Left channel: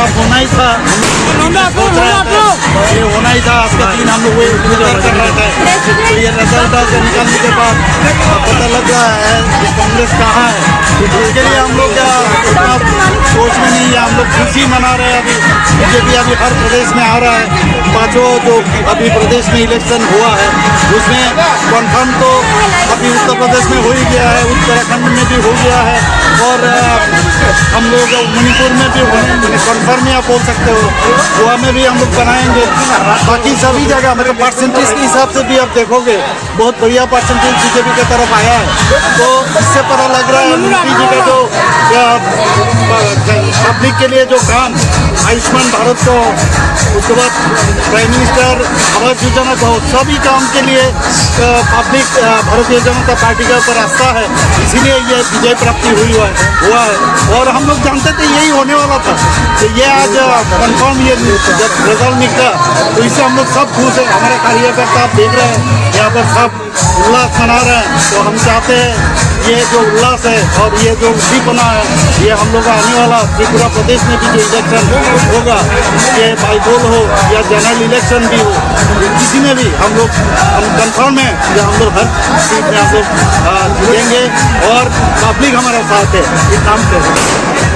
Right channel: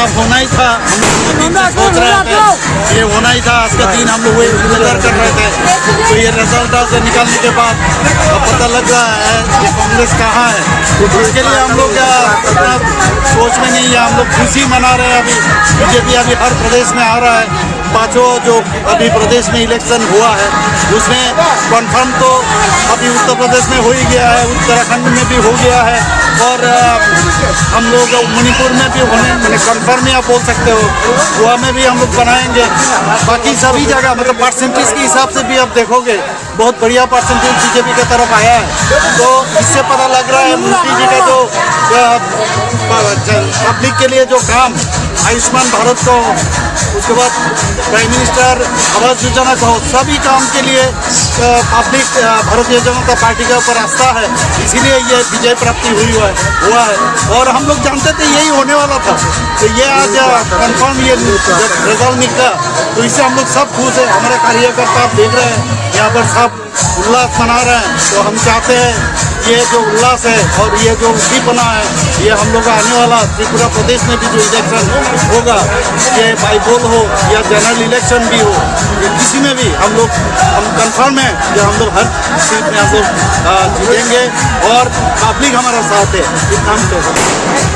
साफ होना ही था। हम सोच रहे थे ये होना ही था। आज का दिन हम लोग इंतजार कर रहे थे, तो ये रिजल्ट से निकलने के बाद पता लग रहा है कि कांग्रेस कहाँ है। तो इसके लिए हम लोग इतना सोच में नहीं है, हम लोग खुशी मना रहे हैं। अभी बीजेपी अभी हर प्रदेश में आ रहा है। पांचों जो अभी प्रदेश में इलेक्शन हुआ है उसमें कन्फर्म तो अभी उत्तर प्रदेश में हो ही गया है, उत्तराखंड में भी हो गया है, और हम लोग मणिपुर में भी होने कन्फर्म ही आप बोल सकते हो। गोवा में भी हम लोग बनाएंगे। बाकी सभी जगह मतलब परसेंटेज के हिसाब से भी आप देखोगे बहुत बढ़िया परसेंटेज बीजेपी की तरफ आया है। तो इससे पता लग रहा है मोदी जी का जो पब्लिक के लिए जो काम आयुष्मान भारत को, उसके बाद प्राइम मिनिस्टर आवास योजना को, सभी काम के लिए पब्लिक भारतीय जनता पार्टी का ऊपर आस्था है, इसीलिए ये विजय प्राप्ति हुआ है। और हम लोग जानते थे यही होने वाला था, तो ये आज कंफर्म ये जब रिजल्ट निकला तो इससे हम लोग सब खुश है। हमारे कार्यकर्ता आप देख रहे हैं यहाँ पर सब उल्लास मना रहे हैं। तो हम चाहते हैं ये जो उल्लास है और ये जो उद्दीपना है, ये हम लोग का आने वाला त्रिपुरा प्रदेश में भी जो इलेक्शन होगा, चाहे बाईपोल हो या जनरल इलेक्शन भी हो, किसी में भी हम कंफर्म है कि हम लोग हर सीट में हम लोग जीतेंगे और पब्लिक हमारा साथ है, इतना हम कह सकते हैं।